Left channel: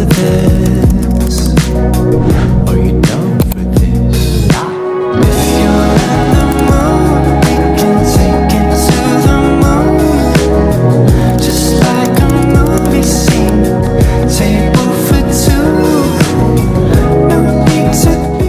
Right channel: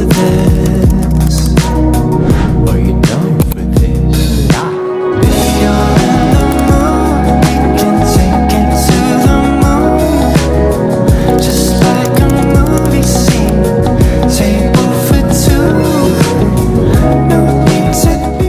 for this? Are you down for this? If you're in the mood, we can take it to the moon. Just like a movie scene, table for two. No need to be.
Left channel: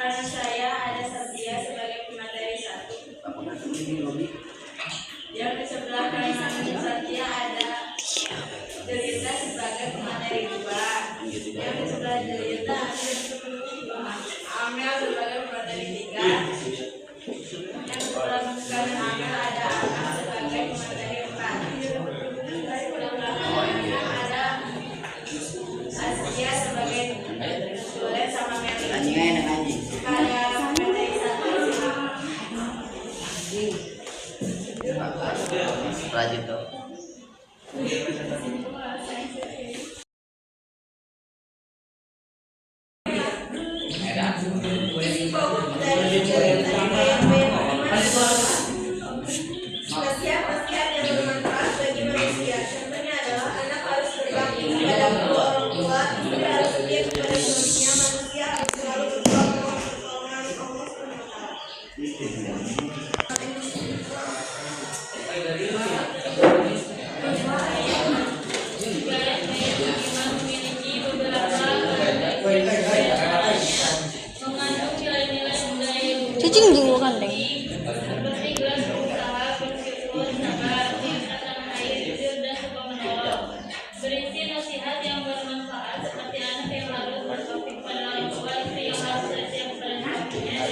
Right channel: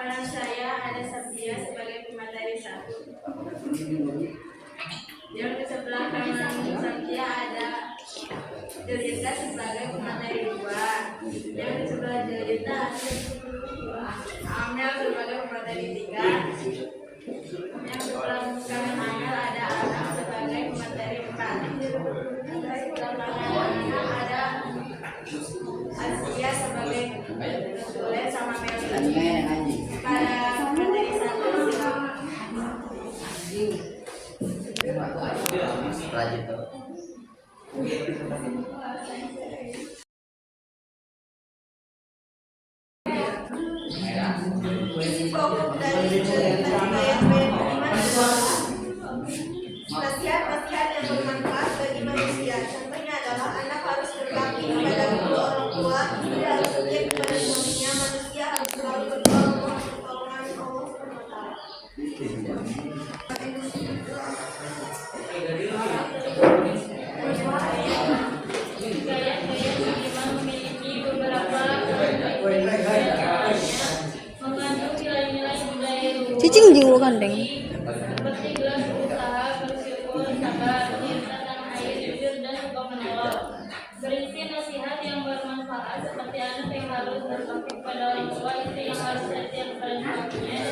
Karena saya ada Sabdia sebagai pemateri 1. Yang di sebelah kanan Sabdia ada Jelita sebagai pemateri 2. Yang di sebelah Jelita Amel sebagai pemateri 3. Yang sebelah kanan Amel ada Anak sebagai pemateri 4. Yang kanan Anak ada Astia sebagai Sule sama Meli. Ada materi 1 Lanjut tuh. isi pokok dari cerita nasihat-nasihat yang bermanfaat bagi manusia. Contohnya adalah anak harus berbakti kepada kedua orang tua, istri harus setia kepada suaminya, manusia harus selalu berdoa mohon pertolongan Allah SWT. Cicing jinggo gandeng. Berisi nasihat yang bermanfaat seperti anak yang harus berbakti kepada orang tua, istri yang harus setia kepada suaminya,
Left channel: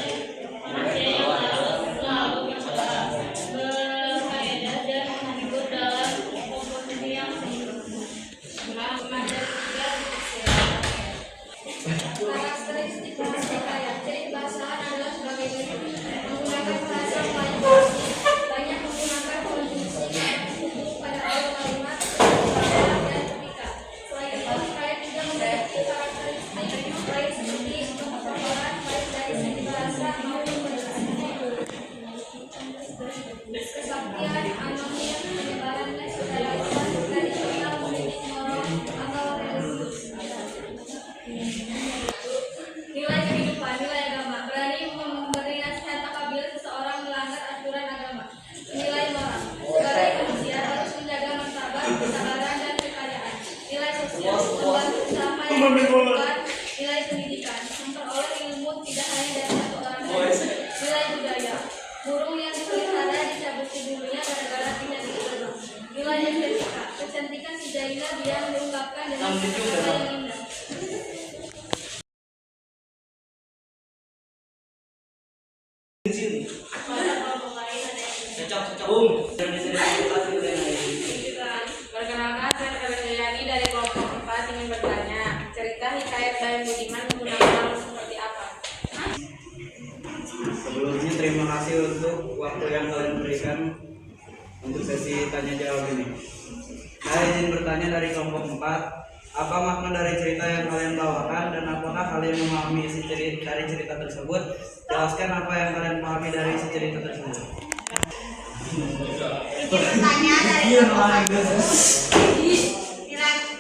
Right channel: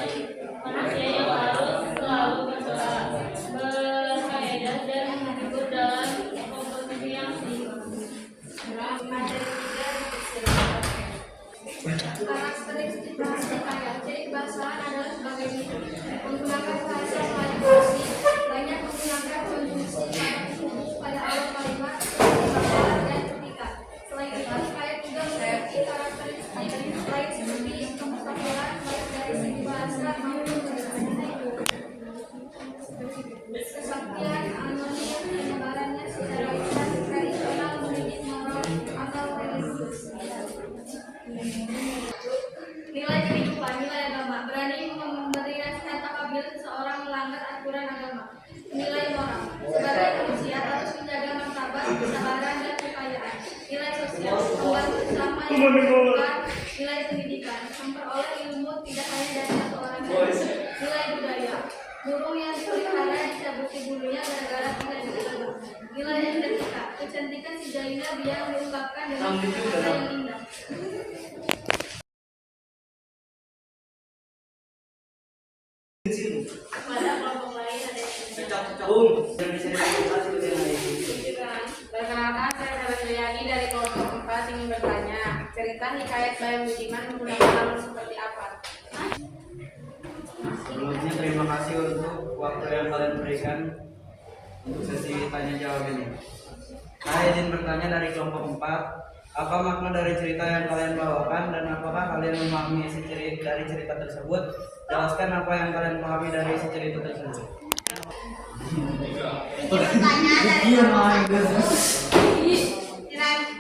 manusia yang harus selalu berdoa, berfaedah dan menghibur dalam komposisi yang materi 3 karakteristik bahasa kaya. Ciri kebahasaan adalah sebagai berikut: menggunakan bahasa paling pasti, banyak menggunakan konjungsi pada awal kalimat, kesabaran dan etika. Selain itu, kaya juga memiliki karakteristik lain seperti kesabaran baik dari segi bahasa maupun berbahasa. Kesaktian, anonim, penyebarannya secara luas, tradisional, mendidik moral atau religius. Nilai kehidupan, nilai agama, berani memberi nasihat apabila seseorang melanggar aturan agama. Nilai moral, sebagai manusia harus menjaga martabat, kesabaran, dan kekayaan. Nilai sosial, membantu sesama yang membutuhkan. Nilai pendidikan, memperoleh ilmu tidak hanya dari satu orang saja. Nilai budaya, burung yang dipelihara dicabuti bulunya gara-gara tidak diterima. Nilai estetika, kecantikan si Jaina biar diungkapkan dengan kata-kata yang indah. Pada kelompok lain ada yang perkenalkan, saya Febriani dari kelompok 4 ingin bertanya, cerita hikayat Bayan Budiman menggunakan alam seperti apa? Sebelumnya terima kasih untuk waktu yang kalian berikan untuk sesi tanya jawab ini. Saya izin bertanya dari kelompok 4, apa makna dari cerita yang kalian bawakan dan apakah kalian memahami isi dari cerita tersebut? Jelaskan apa yang kalian pahami dari isi cerita tersebut. Izin bertanya dari kelompok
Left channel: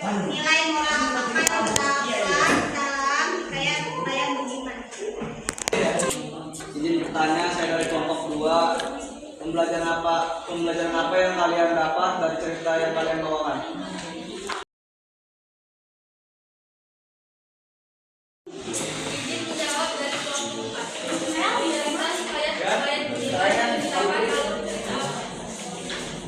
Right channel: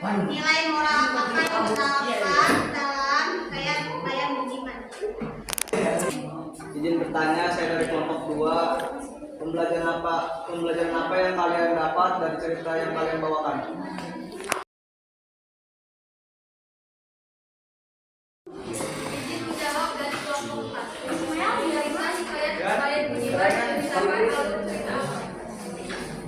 1, nilai moral apakah yang terdapat dalam hikayat Bayan Budiman? Izin bertanya, saya dari kelompok 2, pembelajaran apa yang kalian dapat dari cerita yang kalian bawakan? Izin menjawab dari kelompok 4. Cerita hikayat Bayan Budiman menggunakan alur cerita.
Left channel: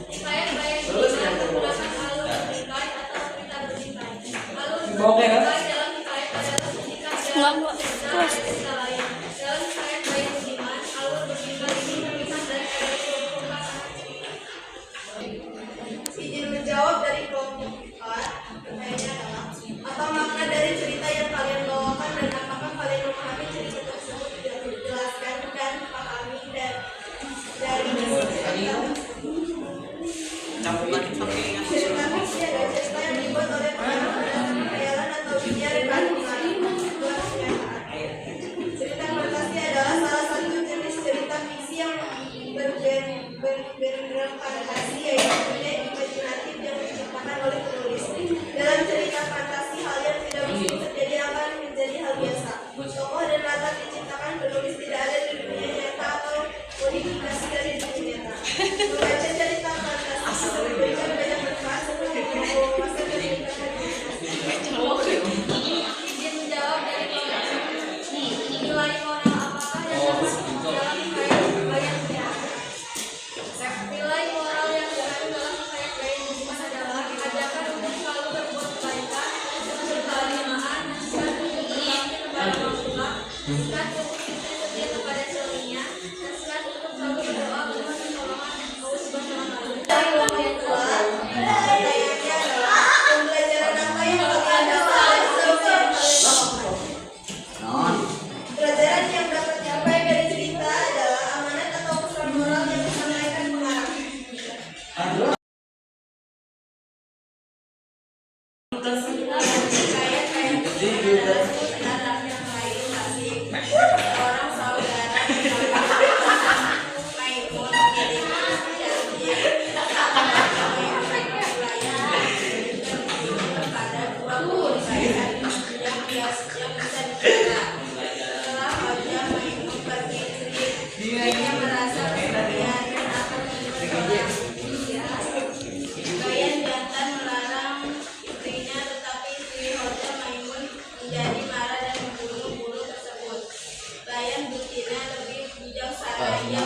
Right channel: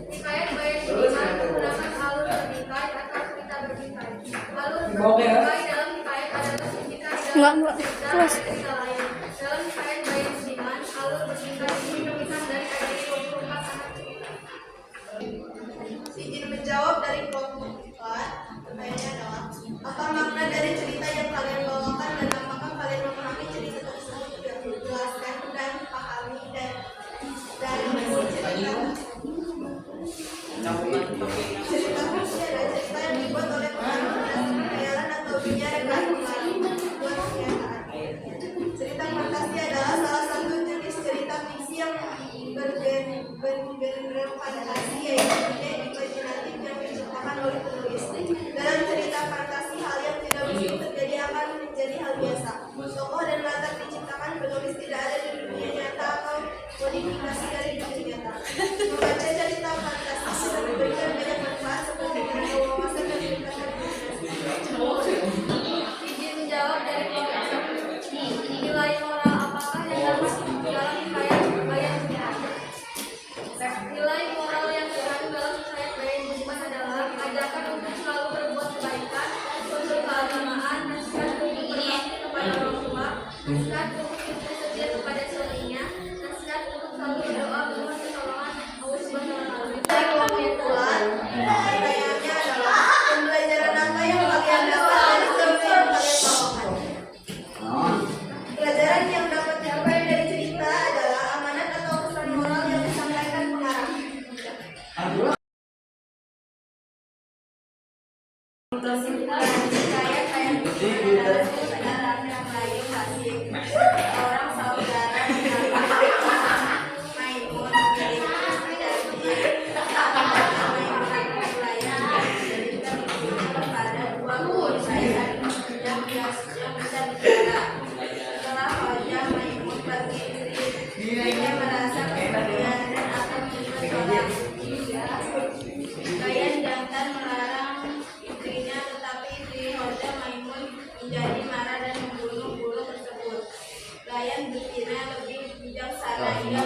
Hikayat Bayan Budiman menggunakan alur bertikai atau cerita bertikai. Alur bertikai dalam hikayat adalah ketika Enggak. Kelas. cerita lain. Dalam hikayat Bayan Budiman, alur bertikai ini terpisah dari ayat 24 sangat cerita. Izin menjawab dari kelompok 4. Pertanyaannya adalah, apa makna dari cerita yang kalian bawakan dan apakah kalian memahami cerita tersebut? nasihat untuk hidup setia kepada suaminya, nasihat untuk selalu berdoa memohon pertolongan Allah Subhanahu wa Ta'ala. Dari orang tua, pertanyaannya adalah pembelajaran apa yang kalian dapat dari cerita yang kalian bawakan? Pelajaran yang dapat diambil dari cerita adalah amanat atau pesan moral yang disampaikan pengarang. Orang saudara Maimun menjadi pada 20 yang bisa bicara. Setelah Hoja Maimun pergi istri, dia merasa kesepian dan akan bersekolah. Layan jantan melarang istrinya, tetapi istri Hoja Maimun menjadi marah dan membunuh guru tersebut. Layan betina lebih bijaksana, ia